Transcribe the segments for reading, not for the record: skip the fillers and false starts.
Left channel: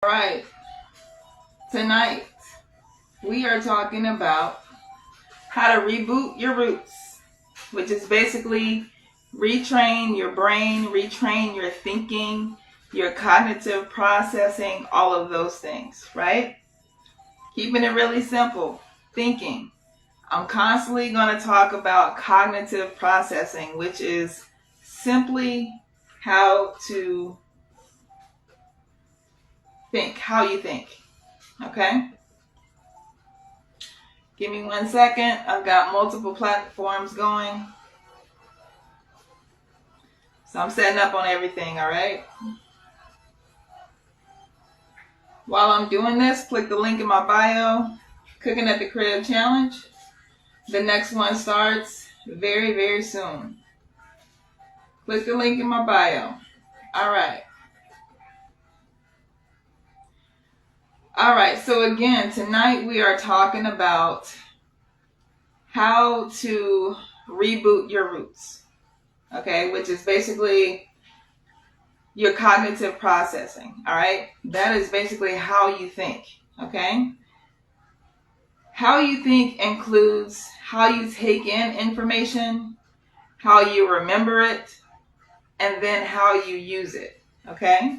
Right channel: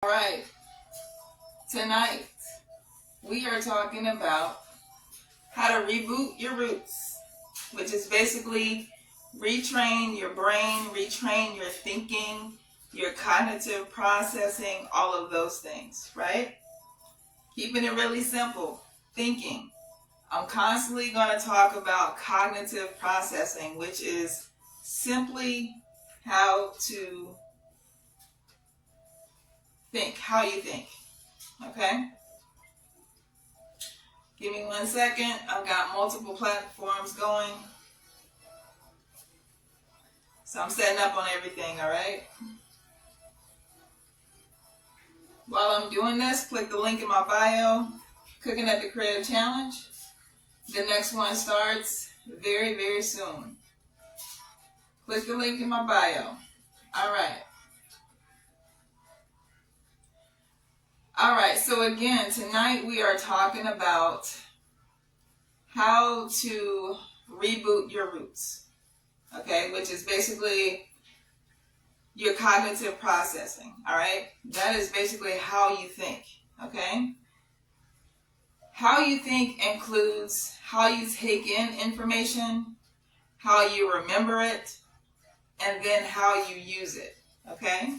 All right, tonight we are talking about how to reboot your roots, which is basically retrain your brain, retrain your thinking, your cognitive processing, all of those things, right? Keeping it really simple, thinking. I'm constantly going to talk about cognitive processing, which is simply how to think, how you think, okay? Give me 1 second. I've got multiple platforms going. So I'm setting up on everything, all right? While I'm doing this, click the link in my bio, Cooking at the Crib Challenge. The next one starts very, very soon. Click the link in my bio. All right. All right, so again, tonight we are talking about how to reboot your roots, okay, which is basically your cognitive processing, all right? That is basically how you think, okay? How you think includes how you take in information, how you remember it, and then how you use it, okay?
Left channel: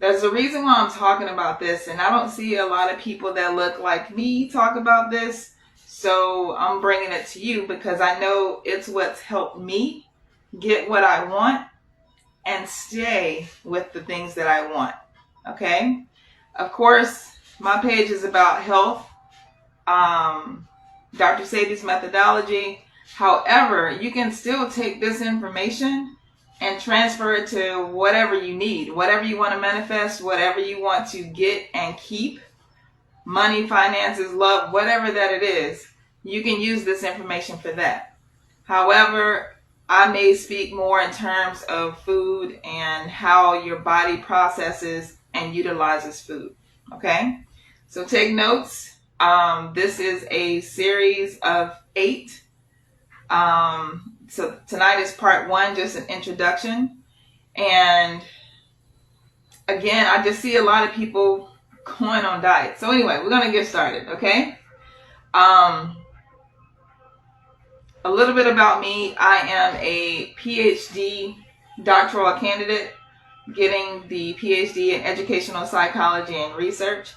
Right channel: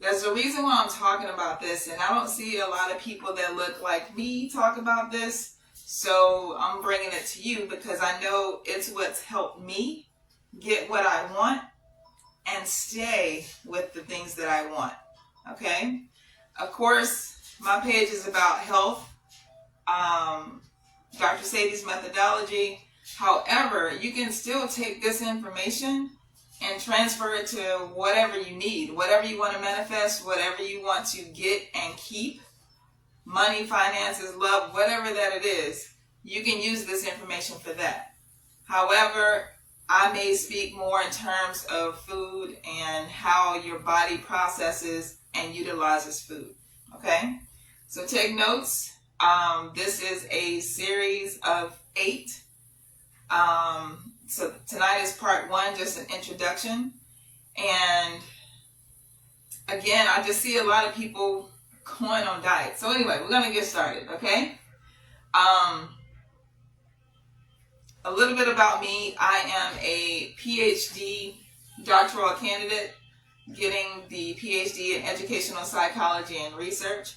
There's a reason why I'm talking about this, and I don't see a lot of people that look like me talk about this, so I'm bringing it to you because I know it's what's helped me get what I want and stay with the things that I want, okay? Of course, my page is about health, Dr. Sadie's methodology. However, you can still take this information and transfer it to whatever you need, whatever you want to manifest, whatever you want to get and keep, money, finances, love, whatever that it is, you can use this information for that. However, I may speak more in terms of food and how your body processes and utilizes food, okay? So take notes. This is a series of 8. So tonight is part 1, just an introduction. And again, I just see a lot of people going on diet. So anyway, we're going to get started, okay? A little bit about me. I am a PhD doctoral candidate, getting the PhD in educational psychology and research.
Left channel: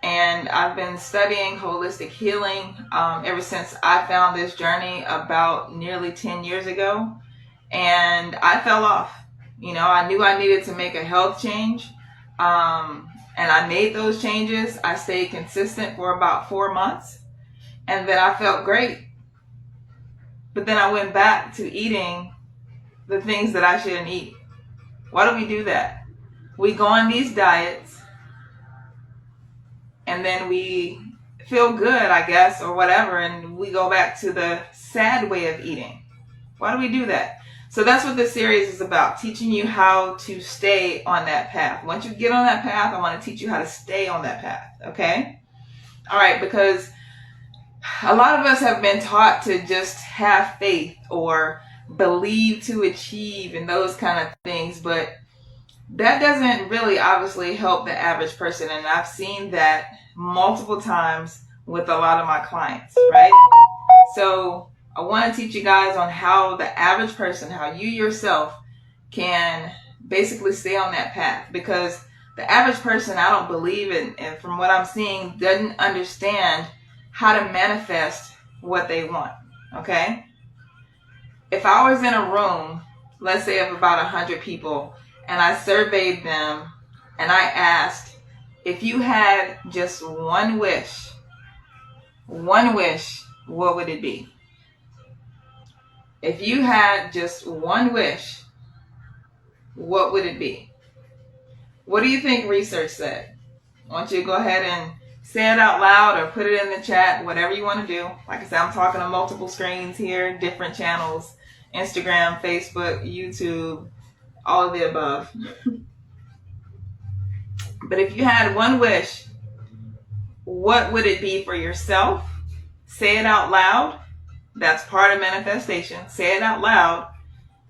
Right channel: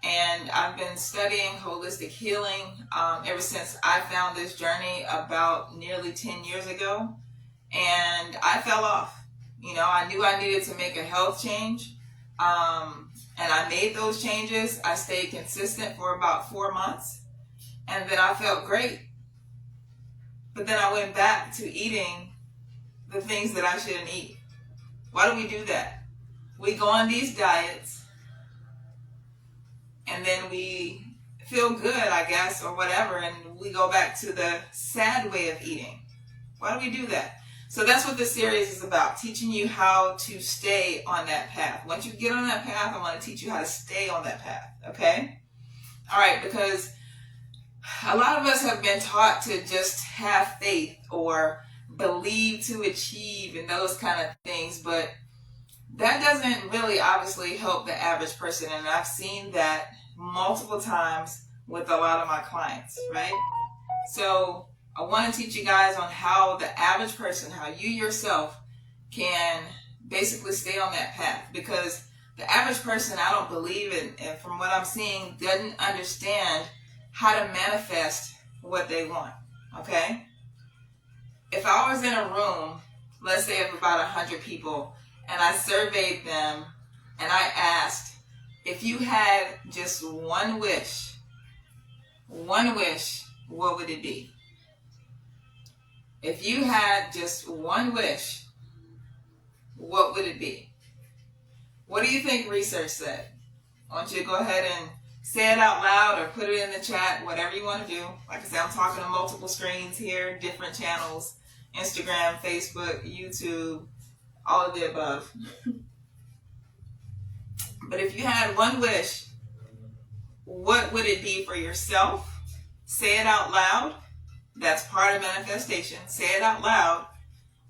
And I've been studying holistic healing ever since I found this journey about nearly 10 years ago. And I fell off. You know, I knew I needed to make a health change. And I made those changes. I stayed consistent for about 4 months. And then I felt great. But then I went back to eating the things that I shouldn't eat. Why do we do that? We go on these diets, and then we feel good, I guess, or whatever, and we go back to the sad way of eating. Why do we do that? So that's what this series is about, teaching you how to stay on that path. Once you get on that path, I want to teach you how to stay on that path, okay? All right, because a lot of us have been taught to just have faith or believe to achieve and those kind of things, but that doesn't really obviously help the average person. And I've seen that multiple times with a lot of my clients, right? So I want to teach you guys on how the average person, how you yourself can basically stay on that path, because the average person, I don't believe in, and from what I'm seeing, doesn't understand how to manifest what they want, okay? If I was in a room, let's say of about 100 people, and I surveyed them, and I asked, if you had just one wish, what would it be? If you had just one wish, what would it be? What do you think research said? I want you to go ahead and say it out loud or put it in the chat, whatever you want to do. Like I said, I'm talking to multiple screens here, different channels, Instagram, Facebook, YouTube, all of the above. But if you had one wish, what would it be for yourself? Say it out loud. That's part of manifestation. Say it out loud.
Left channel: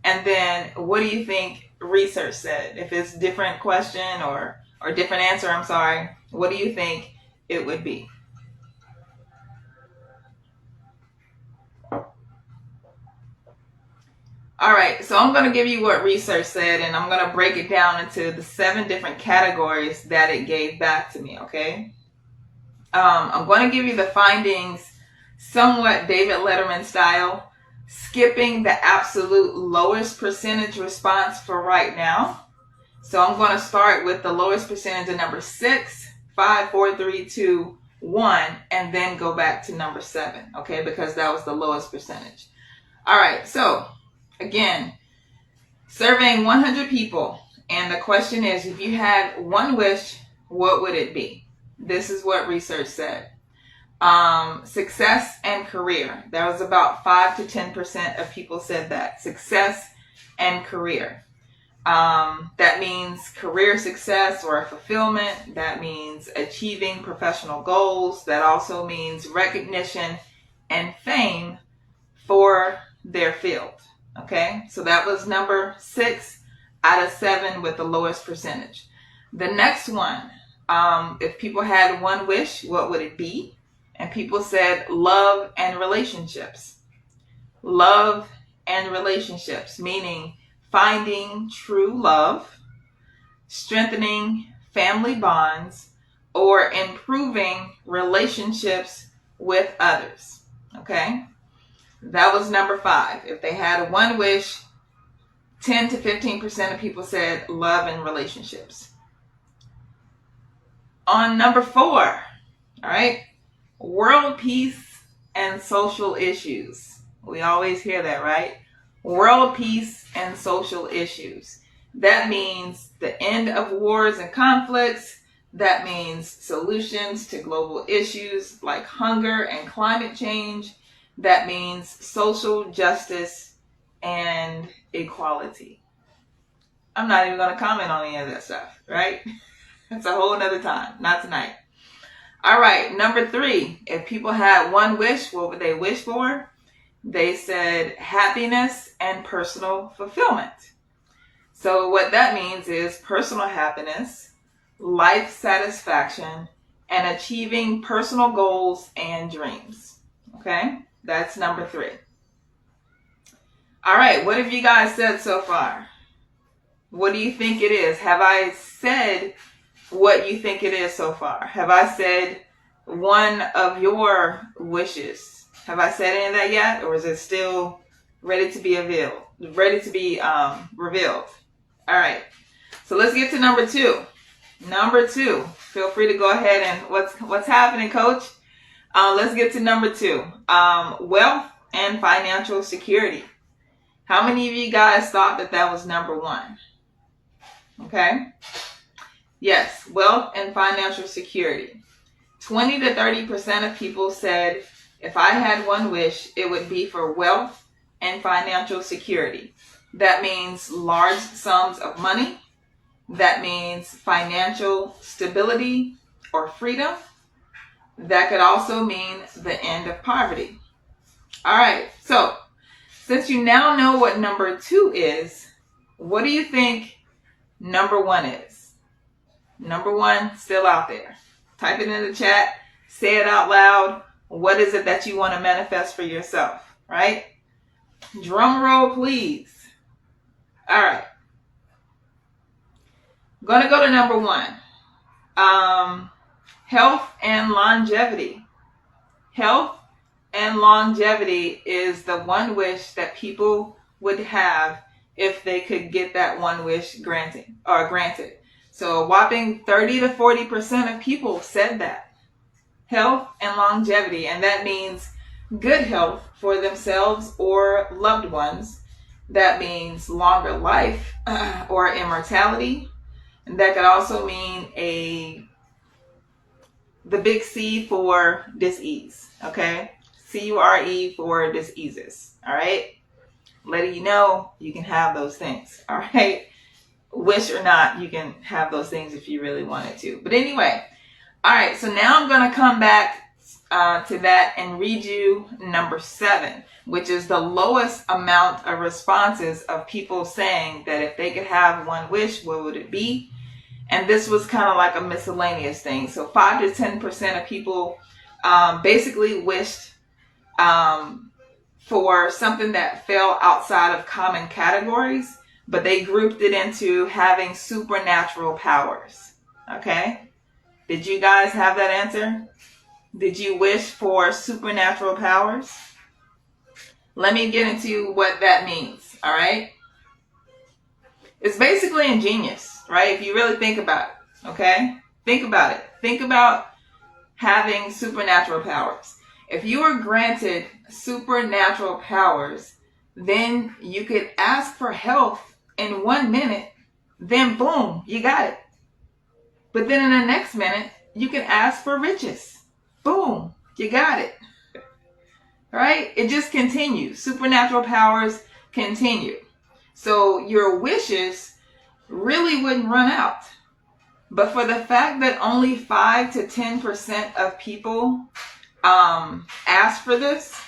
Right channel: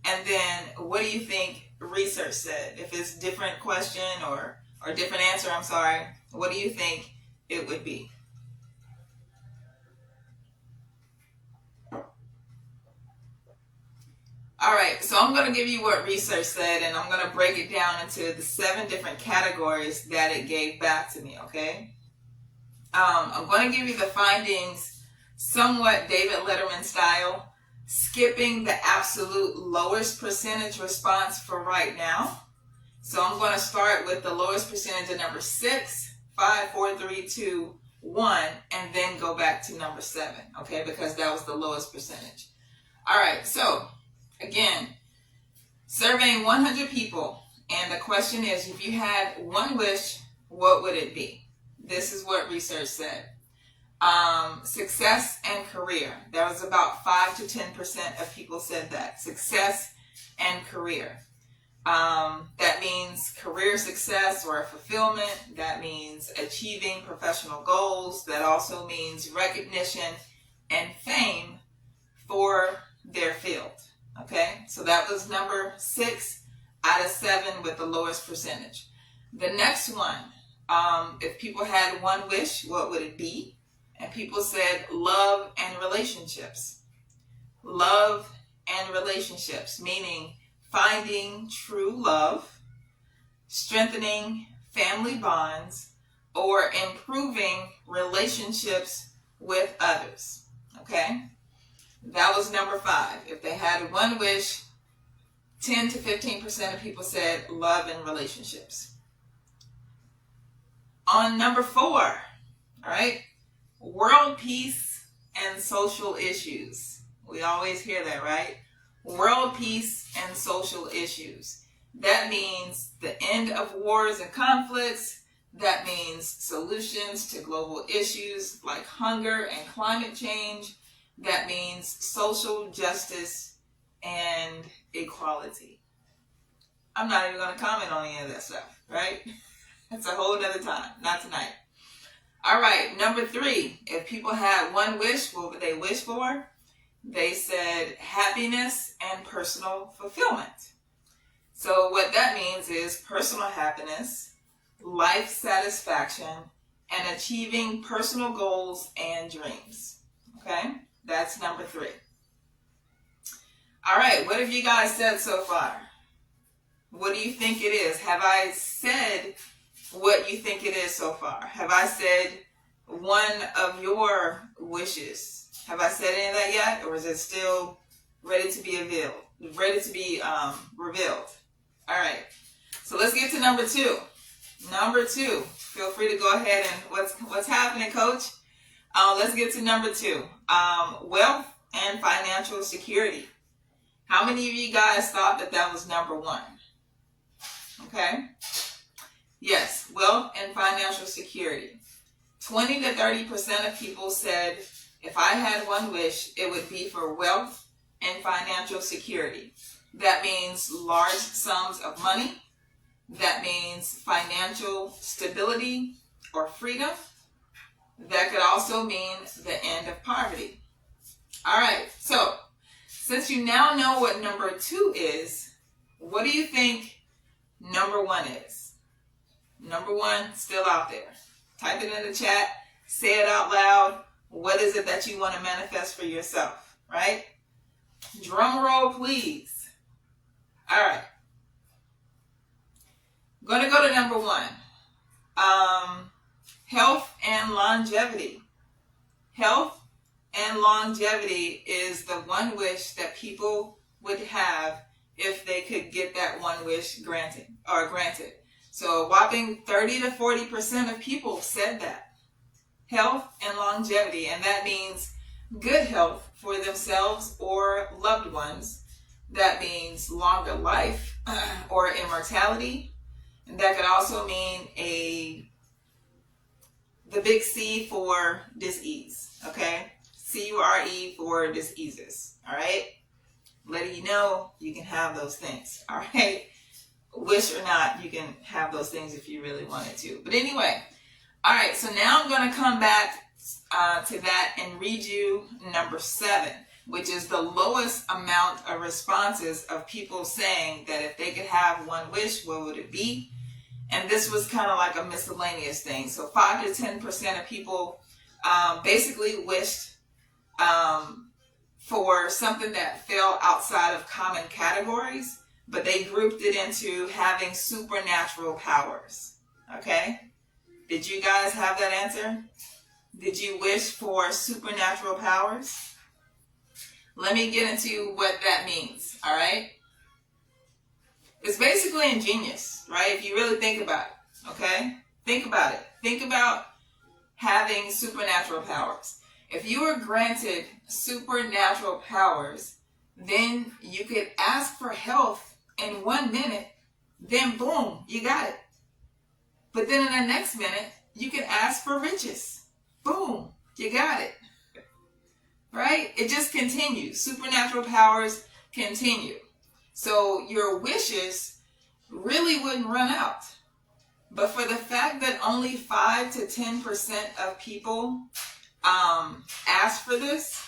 And then what do you think research said? If it's a different question or or different answer, I'm sorry, what do you think it would be? All right, so I'm going to give you what research said, and I'm going to break it down into the 7 different categories that it gave back to me, okay? I'm going to give you the findings somewhat David Letterman style, skipping the absolute lowest percentage response for right now. So I'm going to start with the lowest percentage of number 6, 5, 4, 3, 2, 1, and then go back to number 7, okay? Because that was the lowest percentage. All right, so again, surveying 100 people, and the question is, if you had one wish, what would it be? This is what research said. Success and career. There was about 5 to 10% of people said that. Success and career. That means career success or fulfillment. That means achieving professional goals. That also means recognition and fame for their field. Okay, so that was number 6 out of 7 with the lowest percentage. The next one, if people had one wish, what would it be? And people said love and relationships. Love and relationships, meaning finding true love, strengthening family bonds, or improving relationships with others. Okay? That was number 5. If they had one wish, 10 to 15% of people said love and relationships. On number 4, all right, world peace and social issues. We always hear that, right? World peace and social issues. That means the end of wars and conflicts. That means solutions to global issues like hunger and climate change. That means social justice and equality. I'm not even going to comment on any of that stuff, right? That's a whole nother time, not tonight. All right, number 3, if people had one wish, what would they wish for? They said happiness and personal fulfillment. So what that means is personal happiness, life satisfaction, and achieving personal goals and dreams. Okay? That's number 3. All right, what have you guys said so far? What do you think it is? Have I said what you think it is so far? Have I said one of your wishes? Have I said any of that yet? Or is it still ready to be revealed? Revealed. All right, so let's get to number 2. Number 2, feel free to go ahead and what's happening, coach? Let's get to number 2. Wealth and financial security. How many of you guys thought that was number 1? Okay. Yes, wealth and financial security. 20 to 30% of people said if I had one wish, it would be for wealth and financial security. That means large sums of money. That means financial stability or freedom. That could also mean the end of poverty. All right, so since you now know what number 2 is, what do you think number 1 is? Number 1 still out there. Type it in the chat. Say it out loud. What is it that you want to manifest for yourself, right? Drum roll, please. All right. I'm going to go to number 1. Health and longevity. Health and longevity is the one wish that people would have if they could get that one wish granted. So a whopping 30 to 40% of people said that. Health and longevity, and that means good health for themselves or loved ones. That means longer life or immortality. And that could also mean the big C for disease, okay? C-U-R-E for diseases, all right? Letting you know you can have those things, all right? Wish or not, you can have those things if you really wanted to. But anyway, all right, so now I'm going to come back to that and read you number 7, which is the lowest amount of responses of people saying that if they could have one wish, what would it be? And this was kind of like a miscellaneous thing. So 5 to 10% of people basically wished for something that fell outside of common categories, but they grouped it into having supernatural powers. Okay? Did you guys have that answer? Did you wish for supernatural powers? Let me get into what that means, all right? It's basically ingenious, right? If you really think about it, okay? Think about it. Think about having supernatural powers. If you were granted supernatural powers, then you could ask for health in 1 minute, then boom, you got it. But then in the next minute, you can ask for riches. Boom, you got it. Right? It just continues. Supernatural powers continue. So your wishes really wouldn't run out. But for the fact that only 5 to 10% of people ask for this,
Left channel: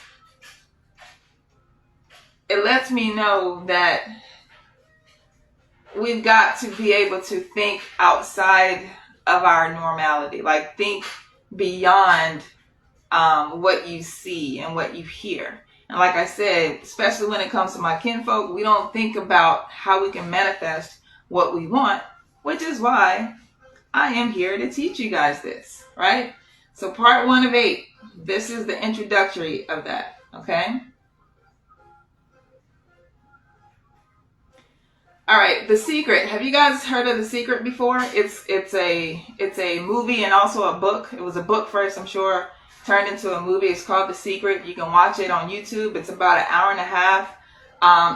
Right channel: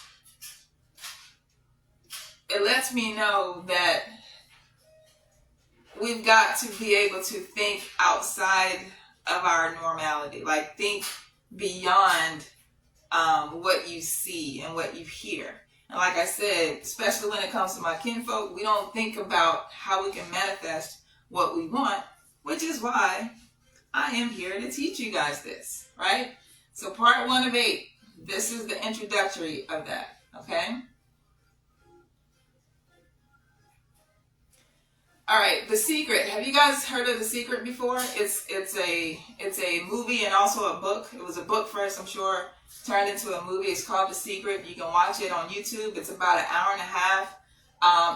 it lets me know that we've got to be able to think outside of our normality. Like think beyond what you see and what you hear. And like I said, especially when it comes to my kinfolk, we don't think about how we can manifest what we want, which is why I am here to teach you guys this, right? So part 1 of 8, this is the introductory of that, okay? All right, The Secret. Have you guys heard of The Secret before? It's a movie and also a book. It was a book first, I'm sure, turned into a movie. It's called The Secret. You can watch it on YouTube. It's about an hour and a half.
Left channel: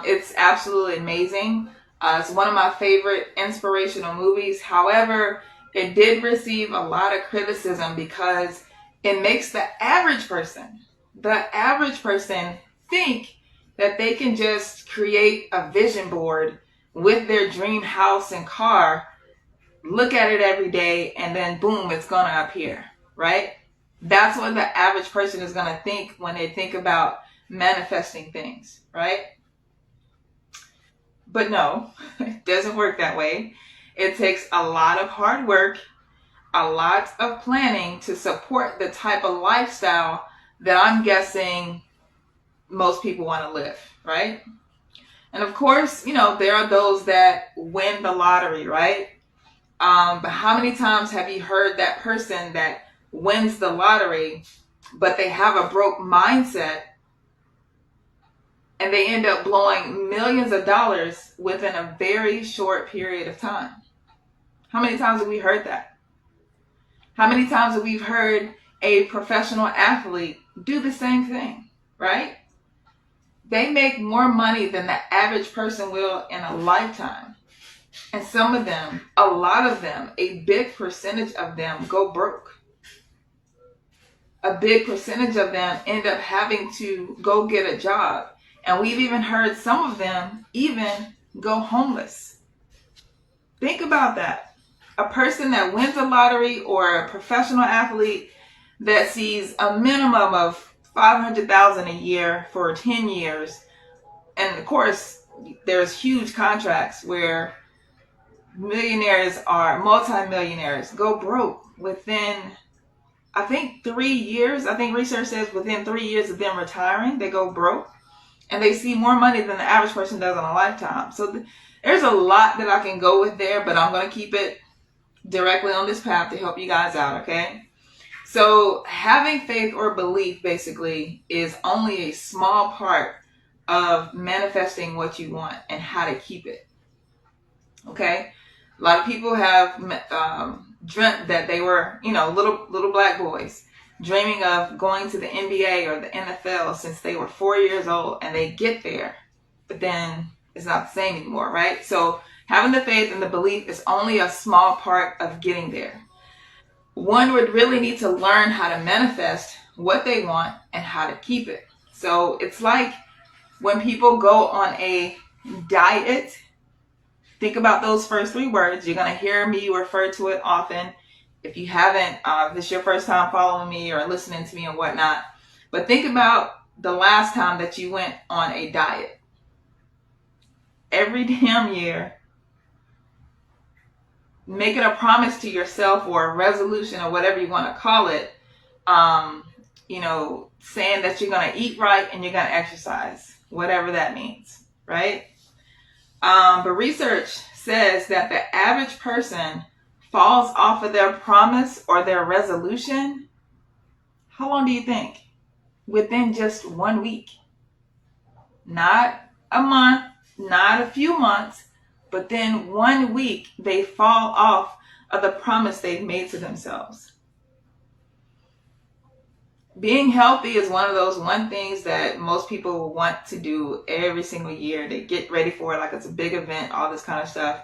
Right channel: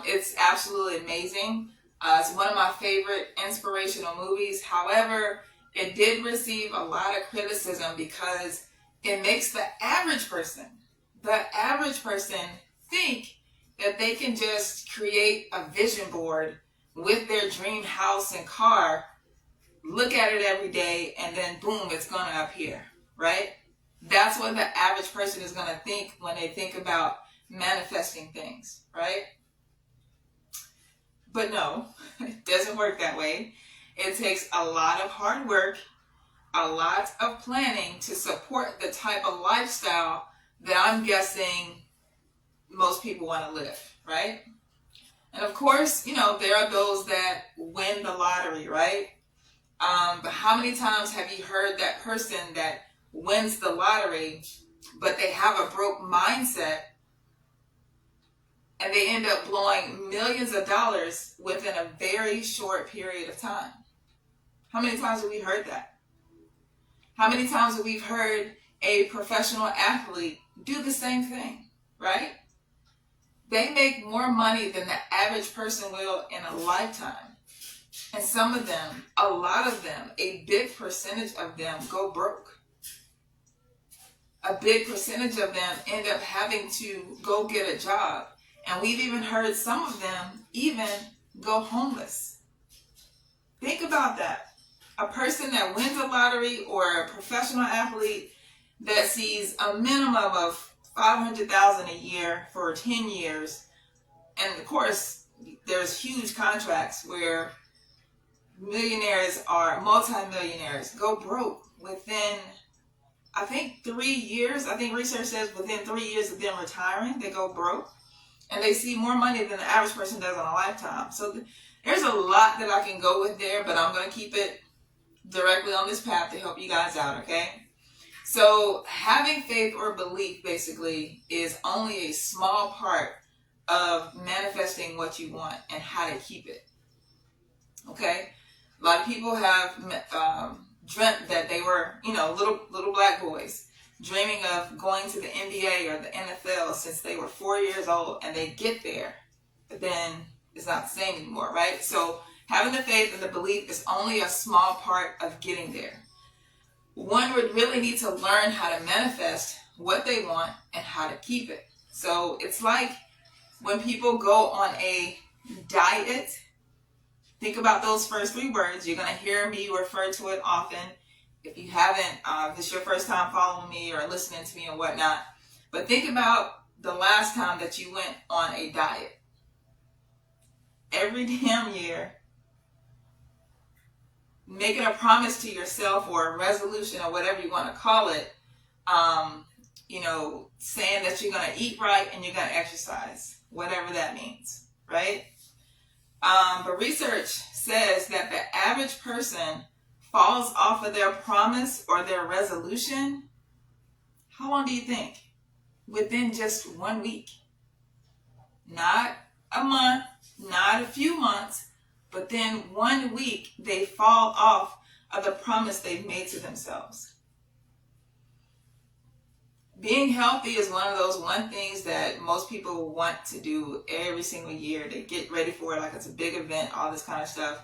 It's absolutely amazing. It's one of my favorite inspirational movies. However, it did receive a lot of criticism because it makes the average person think that they can just create a vision board with their dream house and car, look at it every day, and then boom, it's going to appear, right? That's what the average person is going to think when they think about manifesting things, right? But no, it doesn't work that way. It takes a lot of hard work, a lot of planning to support the type of lifestyle that I'm guessing most people want to live, right? And of course, there are those that win the lottery, right? But how many times have you heard that person that wins the lottery, but they have a broke mindset and they end up blowing millions of dollars within a very short period of time? How many times have we heard that? How many times have we heard a professional athlete do the same thing, right? They make more money than the average person will in a lifetime. And some of them, a lot of them, a big percentage of them go broke. A big percentage of them end up having to go get a job. And we've even heard some of them even go homeless. Think about that. A person that wins a lottery or a professional athlete that sees a minimum of $500,000 a year for 10 years. And of course, there's huge contracts where millionaires or multimillionaires go broke within, I think, 3 years. I think research says within 3 years of them retiring, they go broke. And they see more money than the average person does in a lifetime. So there's a lot that I can go with there, but I'm going to keep it directly on this path to help you guys out, okay? So having faith or belief basically is only a small part of manifesting what you want and how to keep it. Okay? A lot of people have dreamt that they were, little black boys dreaming of going to the NBA or the NFL since they were 4 years old, and they get there, but then it's not the same anymore, right? So having the faith and the belief is only a small part of getting there. One would really need to learn how to manifest what they want and how to keep it. So it's like when people go on a diet, think about those first 3 words. You're going to hear me refer to it often. If you haven't, if it's your first time following me or listening to me or whatnot, but think about the last time that you went on a diet. Every damn year, making a promise to yourself or a resolution or whatever you want to call it, saying that you're going to eat right and you're going to exercise, whatever that means, right? But research says that the average person falls off of their promise or their resolution. How long do you think? Within just 1 week. Not a month, not a few months, but then 1 week they fall off of the promise they've made to themselves. Being healthy is one of those things that most people want to do every single year. They get ready for it like it's a big event, all this kind of stuff.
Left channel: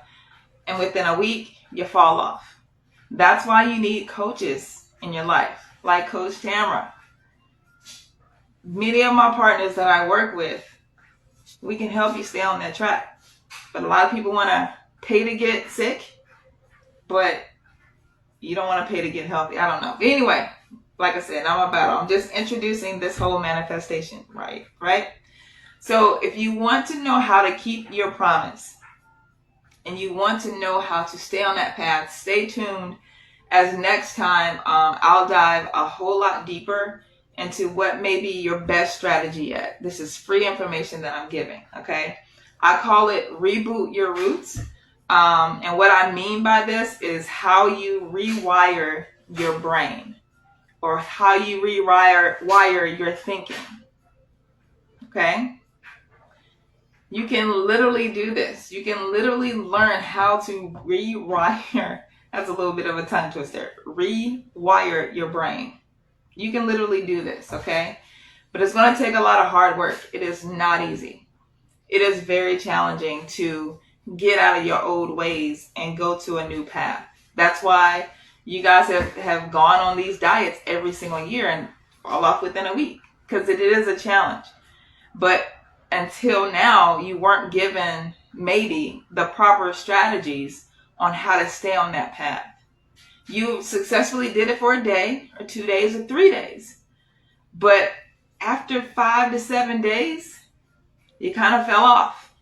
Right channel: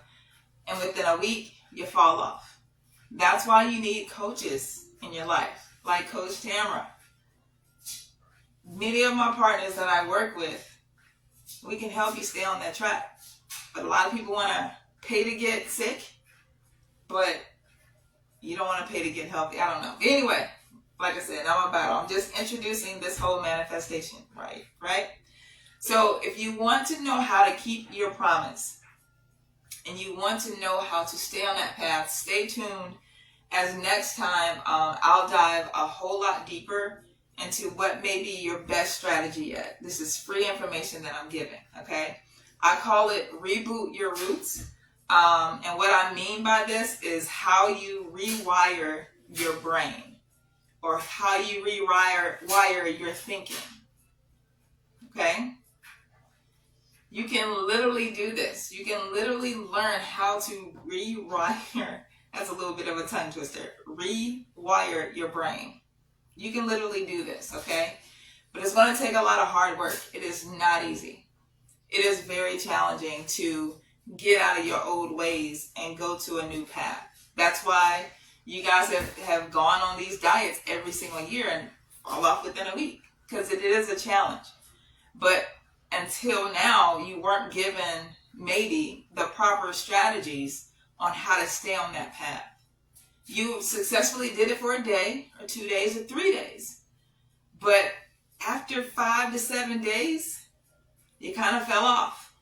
And within a week, you fall off. That's why you need coaches in your life, like Coach Tamra. Many of my partners that I work with, we can help you stay on that track. But a lot of people want to pay to get sick, but you don't want to pay to get healthy. I don't know. Anyway, like I said, not my battle. I'm just introducing this whole manifestation, right? So if you want to know how to keep your promise and you want to know how to stay on that path, stay tuned, as next time I'll dive a whole lot deeper into what may be your best strategy yet. This is free information that I'm giving, okay? I call it Reboot Your Roots. And what I mean by this is how you rewire your brain, or how you rewire your thinking, okay? You can literally do this. You can literally learn how to rewire, that's a little bit of a tongue twister, rewire your brain. You can literally do this, okay? But it's going to take a lot of hard work. It is not easy. It is very challenging to get out of your old ways and go to a new path. That's why you guys have gone on these diets every single year and fall off within a week, because it is a challenge. But until now, you weren't given maybe the proper strategies on how to stay on that path. You successfully did it for a day or 2 days or 3 days. But after 5 to 7 days, you kind of fell off.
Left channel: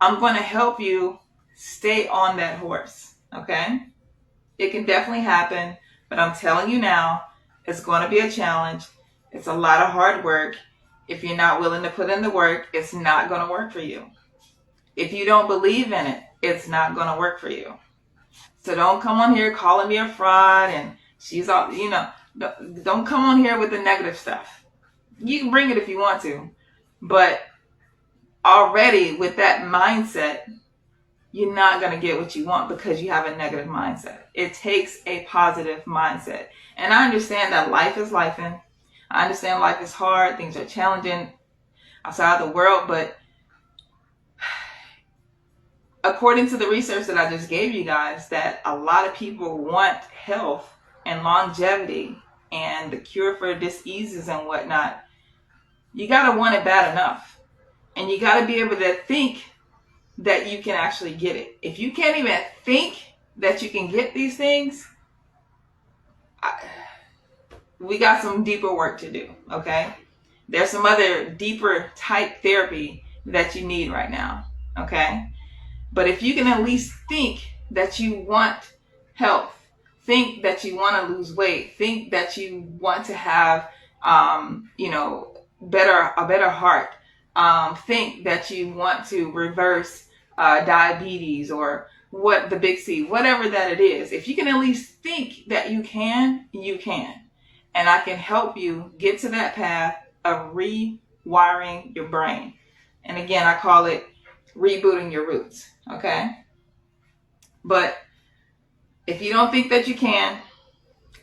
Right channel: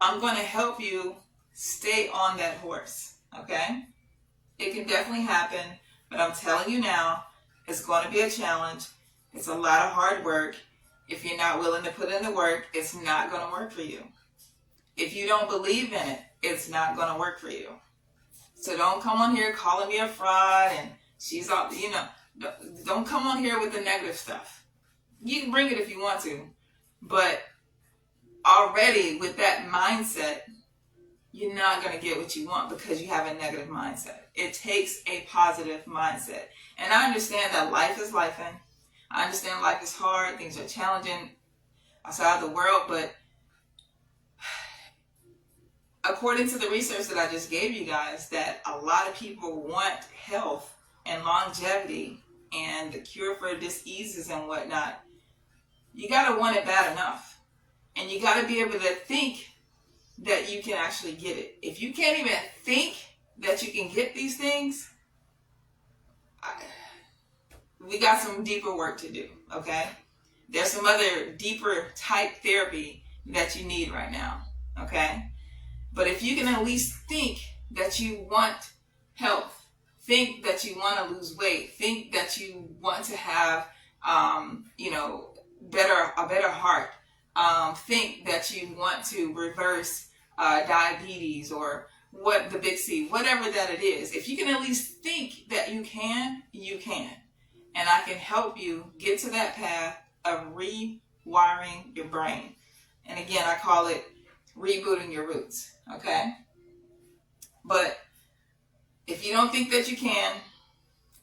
I'm going to help you stay on that horse, okay? It can definitely happen, but I'm telling you now, it's going to be a challenge. It's a lot of hard work. If you're not willing to put in the work, it's not going to work for you. If you don't believe in it, it's not going to work for you. So don't come on here calling me a fraud and she's all, don't come on here with the negative stuff. You can bring it if you want to, but already with that mindset, you're not going to get what you want because you have a negative mindset. It takes a positive mindset. And I understand that life is lifing. I understand life is hard. Things are challenging outside the world. But according to the research that I just gave you guys, that a lot of people want health and longevity and the cure for diseases and whatnot. You got to want it bad enough. And you got to be able to think that you can actually get it. If you can't even think that you can get these things, we got some deeper work to do, okay? There's some other deeper type therapy that you need right now, okay? But if you can at least think that you want health, think that you want to lose weight, think that you want to have, a better heart, think that you want to reverse diabetes or what the big C, whatever that it is. If you can at least think that you can, you can. And I can help you get to that path of rewiring your brain. And again, I call it rebooting your roots, okay? But if you don't think that you can,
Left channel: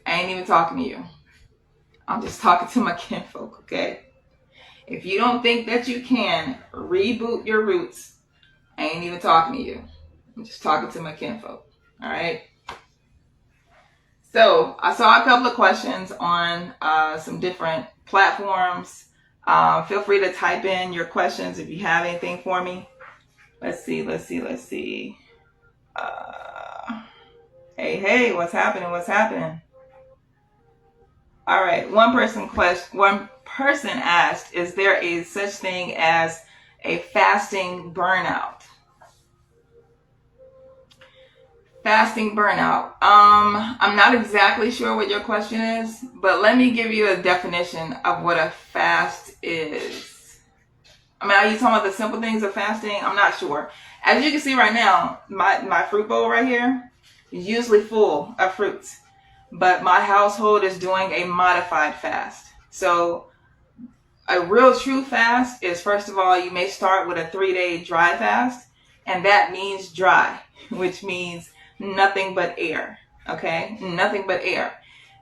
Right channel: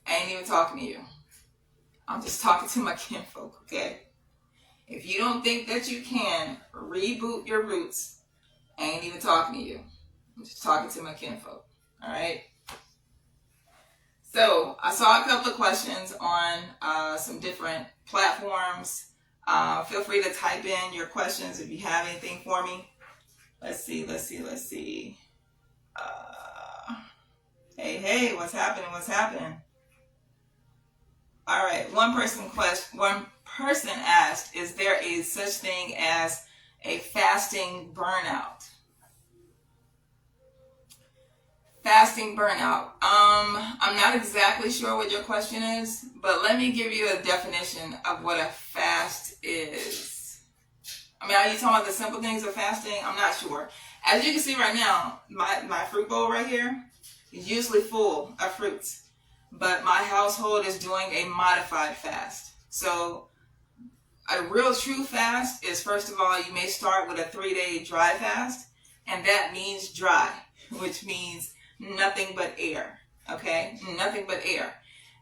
I ain't even talking to you. I'm just talking to my kinfolk, okay? If you don't think that you can reboot your roots, I ain't even talking to you. I'm just talking to my kinfolk, all right? So I saw a couple of questions on some different platforms. Feel free to type in your questions if you have anything for me. Let's see. Hey, what's happening? All right, one person asked, is there a such thing as a fasting burnout? Fasting burnout. I'm not exactly sure what your question is, but let me give you a definition of what a fast is. I mean, are you talking about the simple things of fasting? I'm not sure. As you can see right now, my fruit bowl right here is usually full of fruits, but my household is doing a modified fast. So a real true fast is, first of all, you may start with a 3-day dry fast, and that means dry, which means nothing but air. Okay? Nothing but air.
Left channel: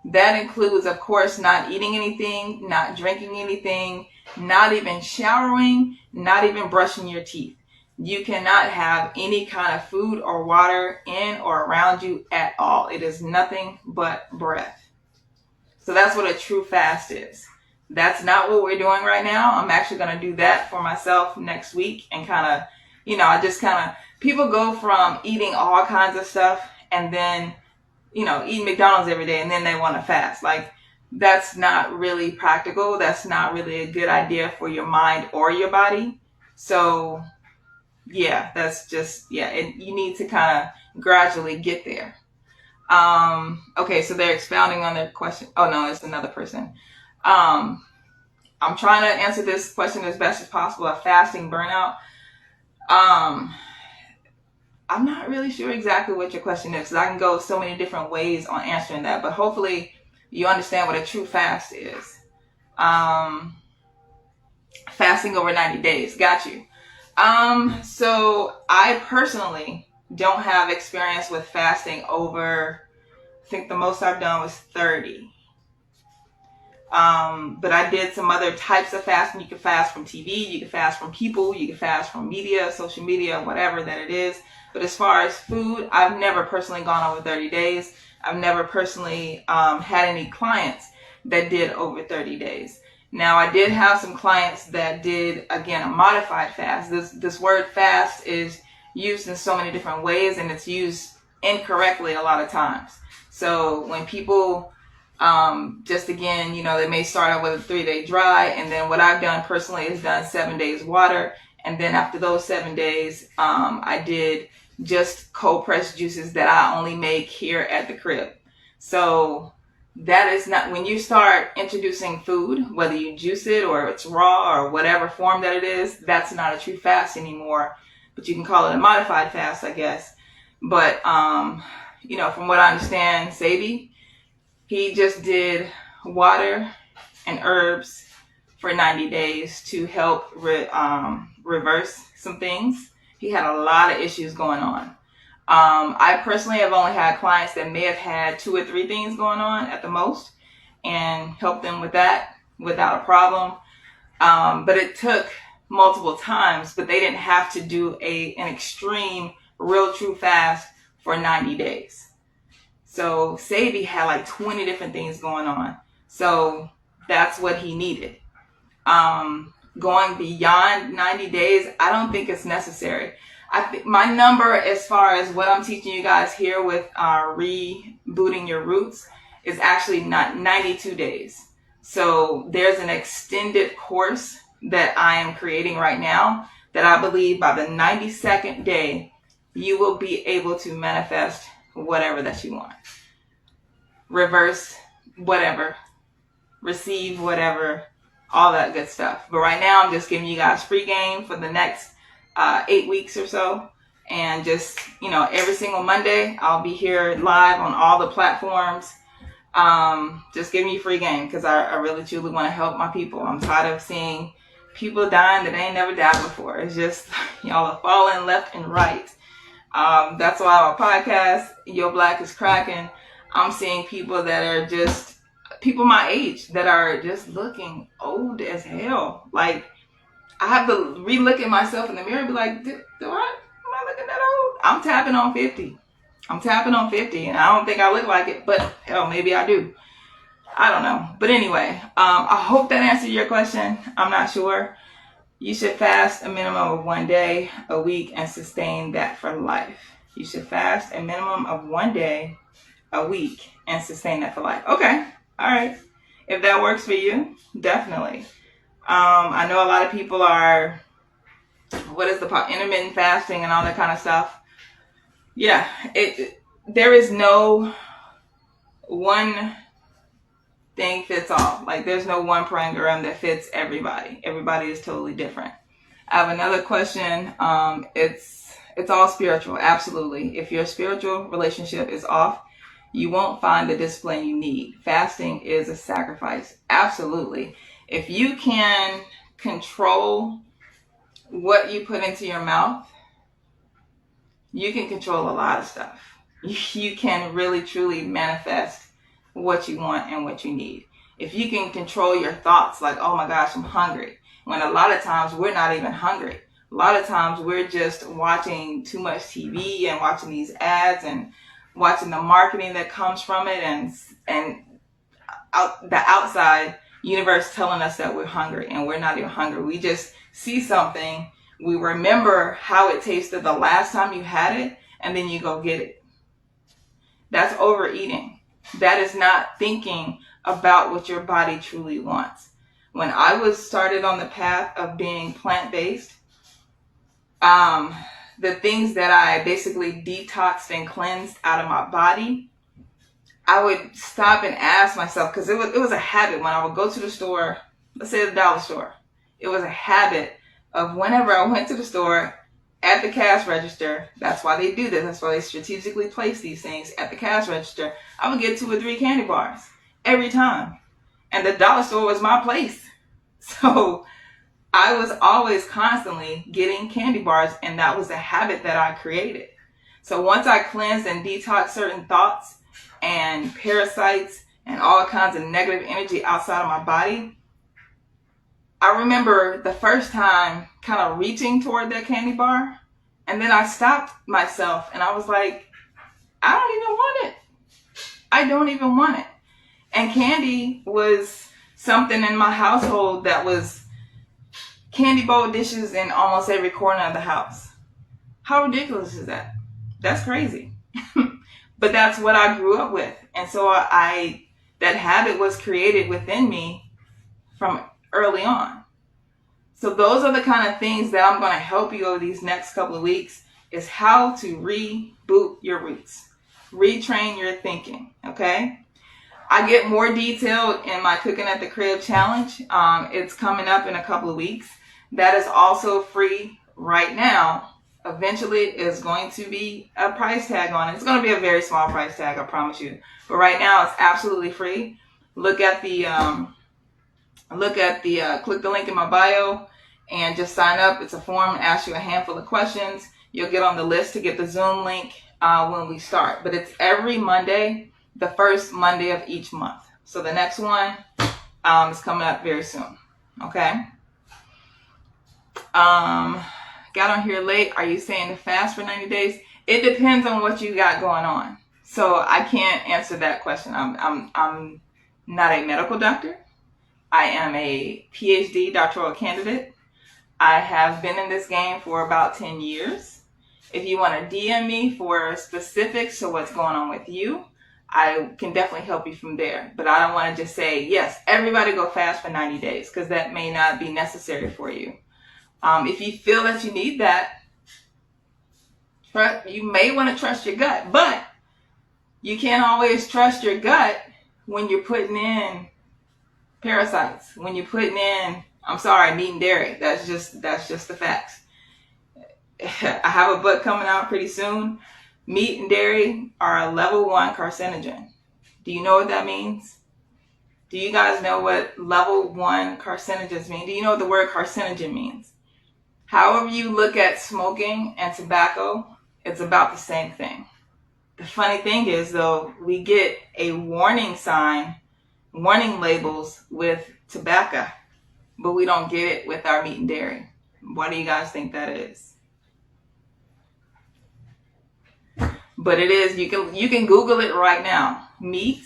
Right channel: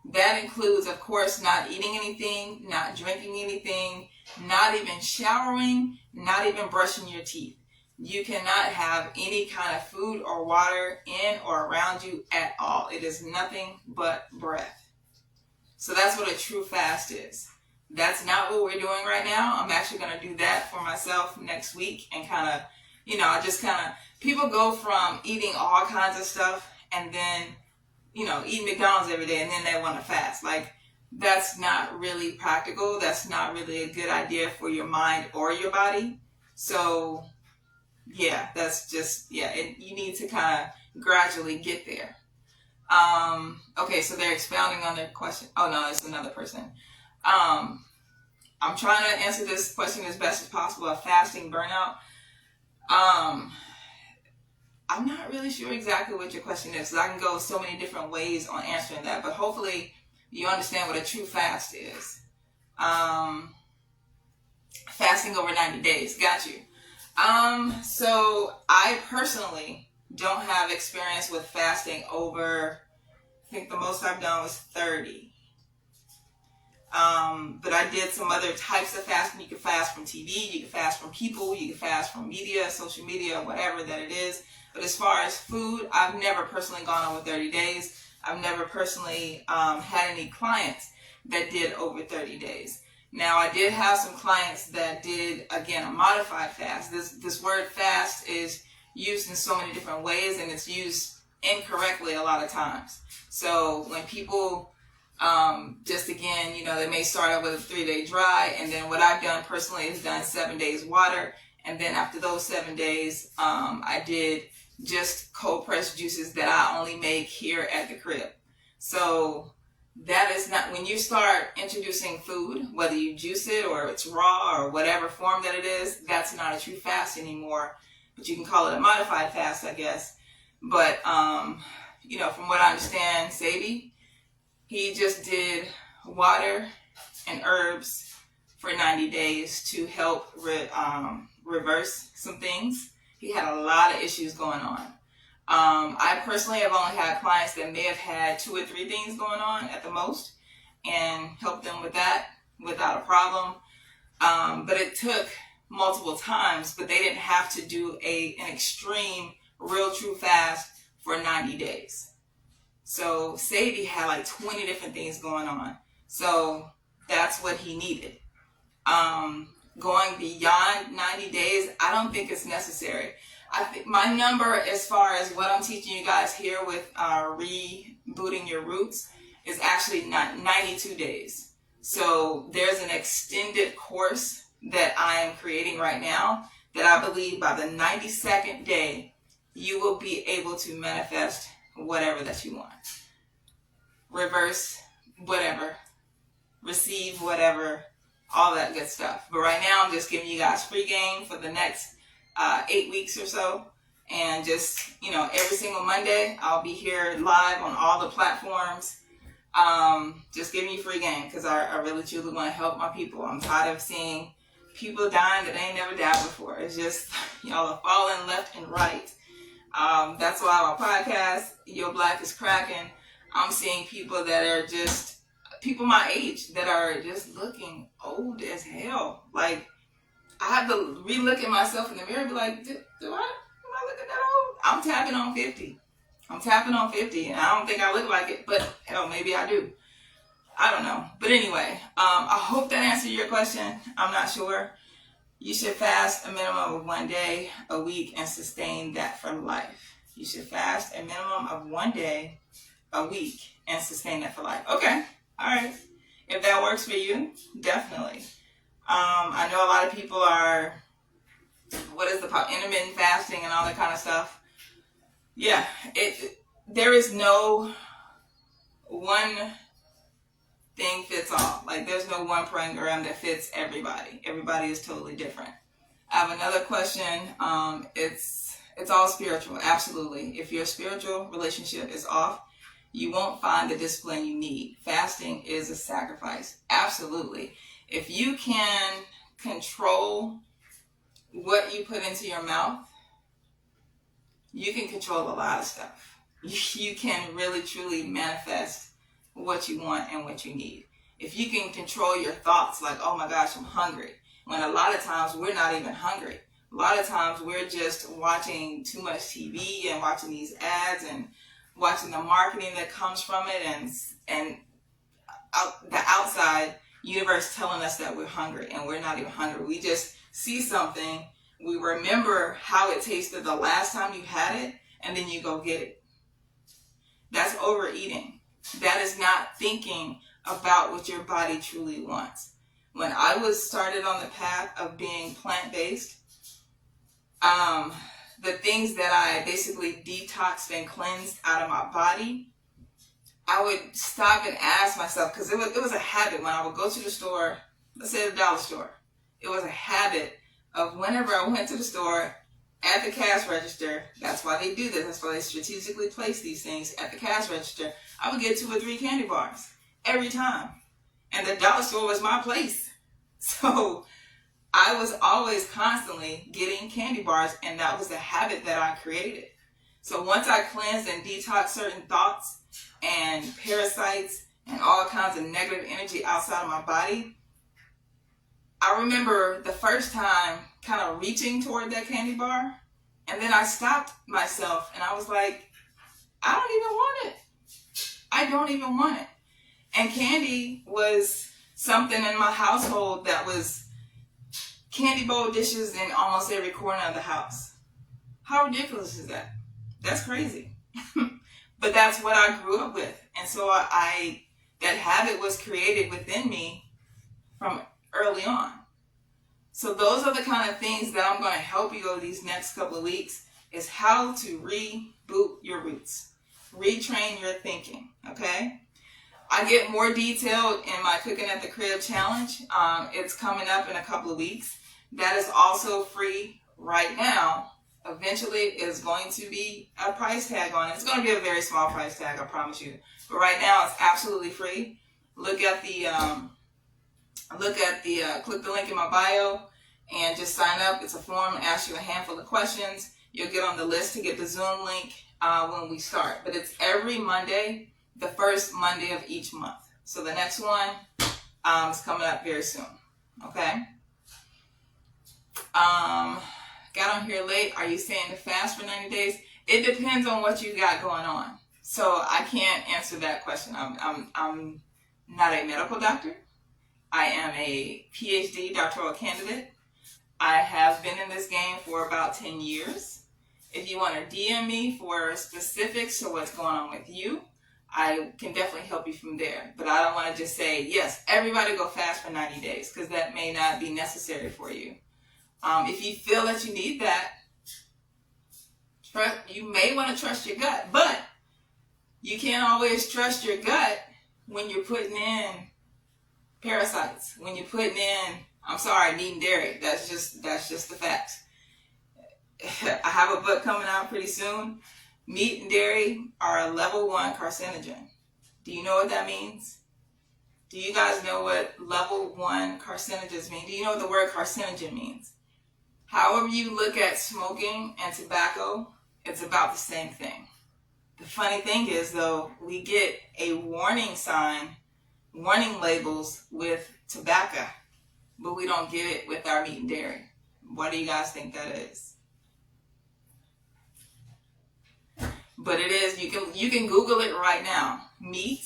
That includes, of course, not eating anything, not drinking anything, not even showering, not even brushing your teeth. You cannot have any kind of food or water in or around you at all. It is nothing but breath. So that's what a true fast is. That's not what we're doing right now. I'm actually going to do that for myself next week and kind of, I just kind of, people go from eating all kinds of stuff and then, eating McDonald's every day and then they want to fast. Like, that's not really practical. That's not really a good idea for your mind or your body. So, yeah, that's just, and you need to kind of gradually get there. Okay, so they're expounding on their question. Oh, no, it's another person. I'm trying to answer this question as best as possible. A fasting burnout. I'm not really sure exactly what your question is, because I can go so many different ways on answering that, but hopefully you understand what a true fast is. Fasting over 90 days. Got you. So I personally don't have experience with fasting over, I think the most I've done was 30. But I did some other types of fasting. You can fast from TV, you can fast from people, you can fast from media, social media, whatever that it is. But as far as food, I've never personally gone over 30 days. I've never personally had any clients that did over 30 days. Now, I did have some clients that did, again, a modified fast. This word fast is used in so many different ways, and it's used incorrectly a lot of times. So when people, just again, they may start out with a 3-day dry, and then what I've done personally is done 7 days water, and then after those 7 days, I did just cold pressed juices that I only make here at the crib. So that is not, when you start introducing food, whether you juice it or it's raw or whatever form that it is, that's not a true fast anymore. But you can call it a modified fast, I guess. But, from what I understand, Sabi, he just did water and herbs for 90 days to help reverse some things. He had a lot of issues going on. I personally have only had clients that may have had 2 or 3 things going on at the most, and helped them with that without a problem. But it took multiple times, but they didn't have to do an extreme, real true fast for 90 days. So Sabi had like 20 different things going on. So that's what he needed. Going beyond 90 days, I don't think it's necessary. I think my number, as far as what I'm teaching you guys here with Rebooting Your Roots, is actually not 92 days. So there's an extended course that I am creating right now that I believe by the 92nd day, you will be able to manifest whatever that you want. Reverse whatever. Receive whatever. All that good stuff. But right now, I'm just giving you guys free game for the next 8 weeks or so. And just, every single Monday, I'll be here live on all the platforms. Just giving you free game because I really truly want to help my people. I'm tired of seeing people dying that ain't never died before. It's just, y'all are falling left and right. That's why my podcast, Your Black is Cracking. I'm seeing people that are just people my age that are just looking old as hell. Like, I have to re-look at myself in the mirror and be like, am I looking that old? I'm tapping on 50. And I don't think I look like it, but hell, maybe I do. I don't know. But anyway, I hope that answered your question. I'm not sure. You should fast a minimum of 1 day a week and sustain that for life. You should fast a minimum of 1 day a week and sustain that for life. Okay. All right. If that works for you, definitely. I know a lot of people are, intermittent fasting and all that kind of stuff. Yeah, there is no one thing fits all. Like, there's no one program that fits everybody. Everybody is totally different. I have another question. It's all spiritual. Absolutely. If your spiritual relationship is off, you won't find the discipline you need. Fasting is a sacrifice. Absolutely. If you can control what you put into your mouth, you can control a lot of stuff. You can really, truly manifest what you want and what you need. If you can control your thoughts, like, oh my gosh, I'm hungry, when a lot of times we're not even hungry. A lot of times we're just watching too much TV and watching these ads and watching the marketing that comes from it, and the outside universe telling us that we're hungry, and we're not even hungry. We just see something, we remember how it tasted the last time you had it, and then you go get it. That's overeating. That is not thinking about what your body truly wants. When I was started on the path of being plant-based, the things that I basically detoxed and cleansed out of my body, I would stop and ask myself, because it was a habit when I would go to the store, let's say the dollar store. It was a habit of whenever I went to the store, at the cash register, that's why they do this, that's why they strategically place these things at the cash register, I would get 2 or 3 candy bars every time. And the dollar store was my place. So I was always constantly getting candy bars, and that was the habit that I created. So once I cleansed and detoxed certain thoughts and parasites and all kinds of negative energy outside of my body, I remember the first time kind of reaching toward that candy bar, and then I stopped myself and I was like, I don't even want it. I don't even want it. And candy was something in my household that was candy bowl dishes in almost every corner of the house. How ridiculous is that? That's crazy. But that's what I grew up with. And so that habit was created within me from early on. So those are the kind of things that I'm going to help you over these next couple of weeks, is how to reboot your roots, retrain your thinking. Okay. I get more detailed in my Cooking at the Crib challenge. It's coming up in a couple of weeks. That is also free right now. Eventually is going to be a price tag on it. It's going to be a very small price tag, I promise you. But right now it's absolutely free. Click the link in my bio and just sign up. It's a form, asks you a handful of questions. You'll get on the list to get the Zoom link when we start. But it's every Monday, the first Monday of each month. So the next one is coming up very soon. Okay. Got on here late. Are you saying to fast for 90 days? It depends on what you got going on. So I can't answer that question. I'm not a medical doctor. I am a PhD doctoral candidate. I have been in this game for about 10 years. If you want to DM me for specifics to what's going on with you, I can definitely help you from there. But I don't want to just say, yes, everybody go fast for 90 days, because that may not be necessary for you. If you feel that you need that, you may want to trust your gut. But you can't always trust your gut when you're putting in parasites, when you're putting in, meat and dairy. That's just the facts. I have a book coming out pretty soon. Meat and dairy are a level 1 carcinogen. Do you know what that means? Do you guys know what level 1 carcinogens mean? Do you know what the word carcinogen means? However you look at smoking and tobacco, it's about the same thing. The funny thing is, though, we get a warning labels with tobacco, but we don't get it with our meat and dairy. Why do you guys think that is? But it is, you can Google it right now. Meat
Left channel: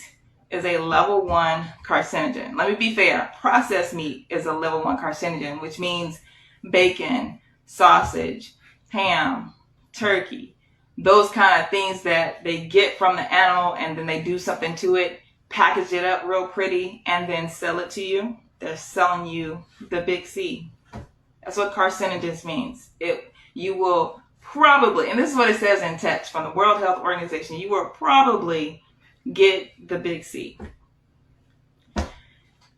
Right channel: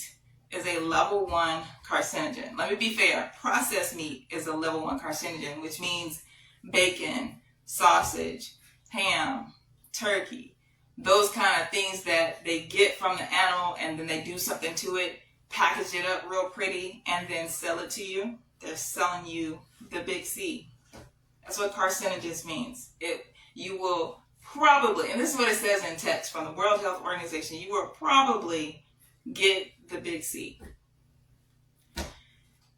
is a level 1 carcinogen. Let me be fair. Processed meat is a level 1 carcinogen, which means bacon, sausage, ham, turkey, those kind of things that they get from the animal and then they do something to it, package it up real pretty, and then sell it to you. They're selling you the big C. That's what carcinogens means. You will probably, and this is what it says in text from the World Health Organization, you will probably get the big C.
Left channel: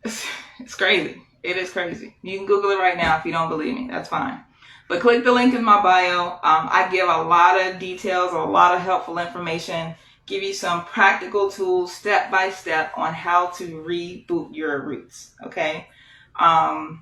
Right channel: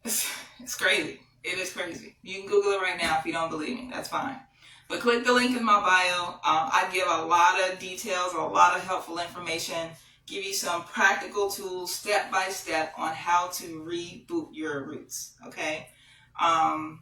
It's crazy. It is crazy. You can Google it right now if you don't believe me. That's fine. But click the link in my bio. I give a lot of details, a lot of helpful information, give you some practical tools step by step on how to reboot your roots. Okay. I'm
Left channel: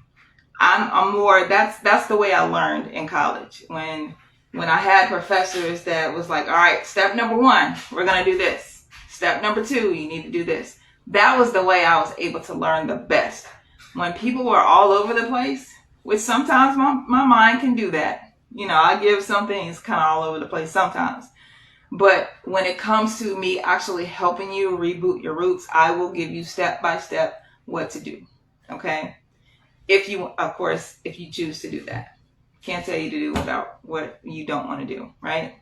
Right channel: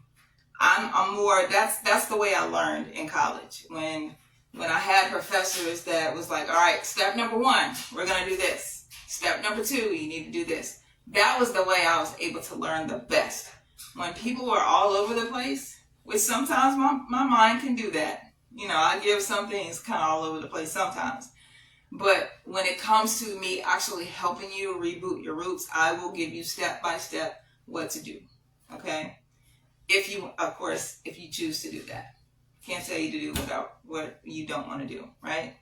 more, that's the way I learned in college. When I had professors that was like, all right, step number 1, we're going to do this. Step number 2, you need to do this. That was the way I was able to learn the best. When people were all over the place, which sometimes my mind can do that. You know, I give some things kind of all over the place sometimes. But when it comes to me actually helping you reboot your roots, I will give you step by step what to do. Okay? If you choose to do that. Can't tell you to do without what you don't want to do, right?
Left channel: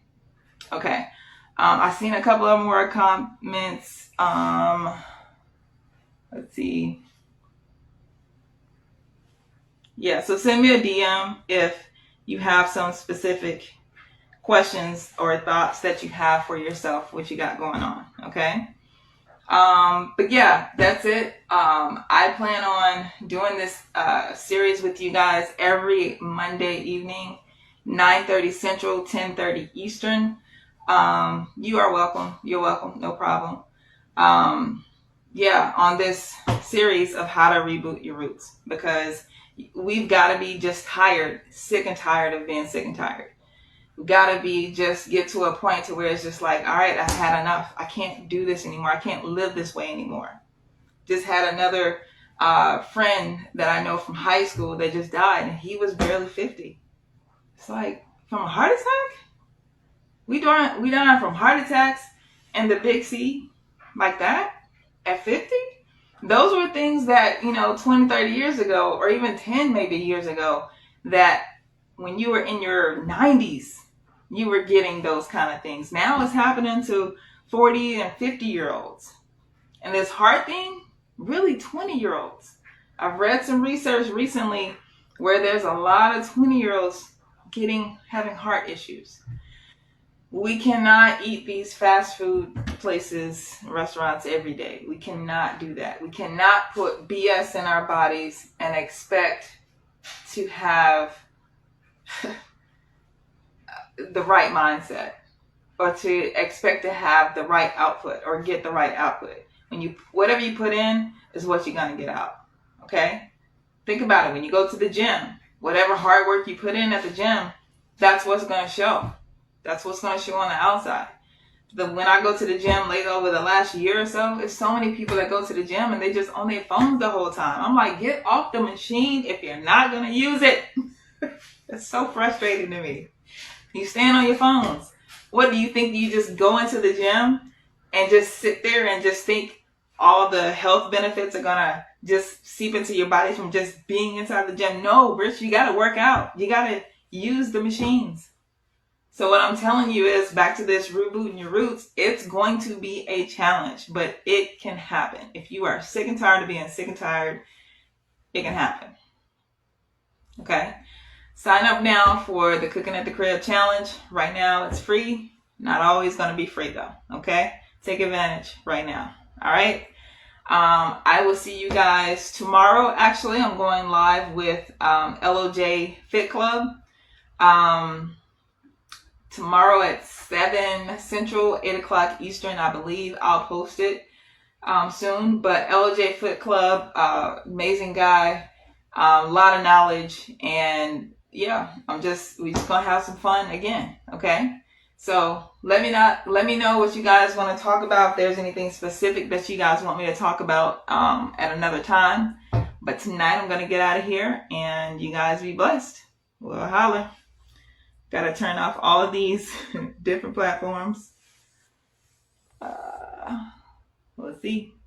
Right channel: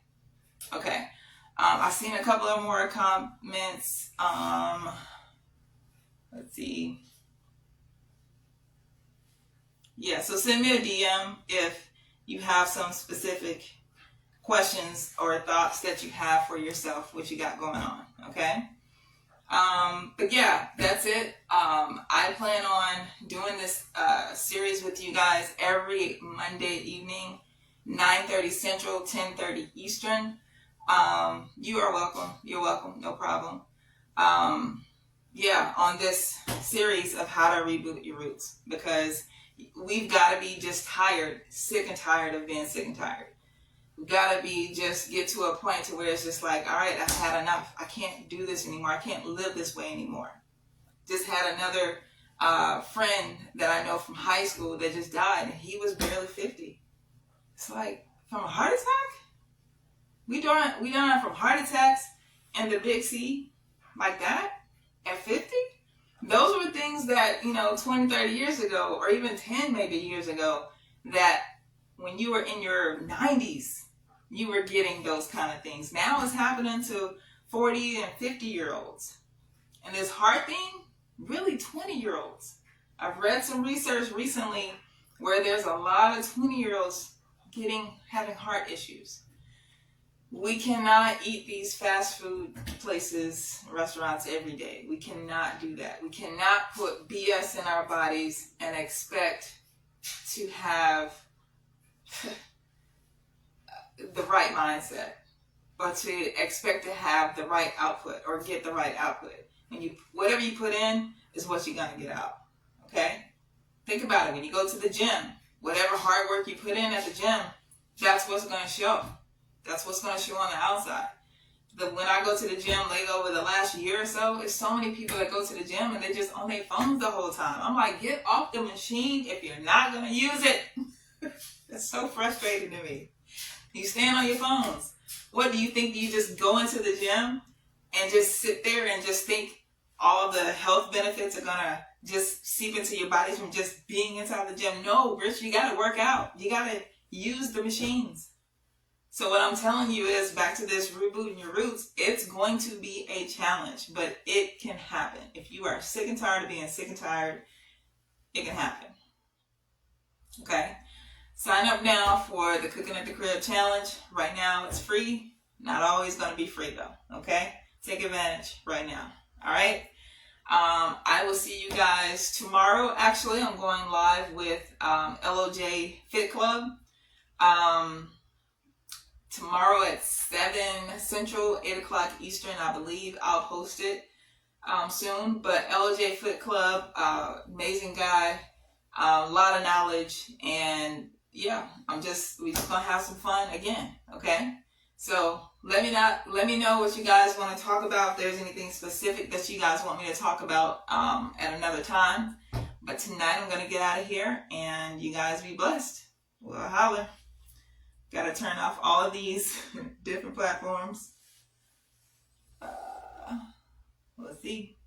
Okay. I've seen a couple of more comments. Let's see. Yeah, so send me a DM if you have some specific questions or thoughts that you have for yourself, what you got going on, okay? But yeah, that's it. I plan on doing this series with you guys every Monday evening, 9:30 Central, 10:30 Eastern. You are welcome. You're welcome. No problem. Yeah, on this series of how to reboot your roots, because we've got to be just sick and tired of being sick and tired. We've got to get to a point to where it's just like, all right, I've had enough. I can't do this anymore. I can't live this way anymore. Just had another friend that I know from high school that just died, and he was barely 50. It's like, from a heart attack? We dying from heart attacks and the big C like that at 50? Those were things that, 20, 30 years ago, or even 10 maybe years ago, that when you were in your 90s, you were getting those kind of things. Now it's happening to 40 and 50-year-olds. And this heart thing, really 20-year-olds. I've read some research recently where there's a lot of 20-year-olds having heart issues. We cannot eat these fast food places, restaurants every day. We cannot do that. We cannot put BS in our bodies and expect to have the right mindset, or to expect to have the right output or get the right output. Whatever you put in is what you're going to get out. Okay? Think about it. When you go to the gym, whatever hard work you put in at the gym, that's what's going to show. That's what's going to show on the outside. When I go to the gym lately over the last year or so, there's so many people that go to the gym and they just on their phones the whole time. I'm like, get off the machine if you're not going to use it. It's so frustrating to me. You stand on your phones. What do you think? You just go into the gym and just sit there and just think all the health benefits are going to just seep into your body from just being inside the gym? No, Rich, you got to work out. You got to use the machines. So what I'm telling you is, back to this rebooting your roots, it's going to be a challenge, but it can happen. If you are sick and tired of being sick and tired, it can happen. Okay? Sign up now for the Cooking at the Crib Challenge. Right now, it's free. Not always going to be free, though. Okay? Take advantage right now. All right? I will see you guys tomorrow. Actually, I'm going live with LOJ Fit Club. Tomorrow at 7 Central, 8 o'clock Eastern, I believe. I'll post it soon. But LOJ Fit Club, amazing guy, a lot of knowledge, and yeah, we just gonna have some fun again. Okay, so let me know what you guys want to talk about. If there's anything specific that you guys want me to talk about at another time. But tonight I'm gonna get out of here, and you guys be blessed. We'll holler. Got to turn off all of these different platforms. We'll see.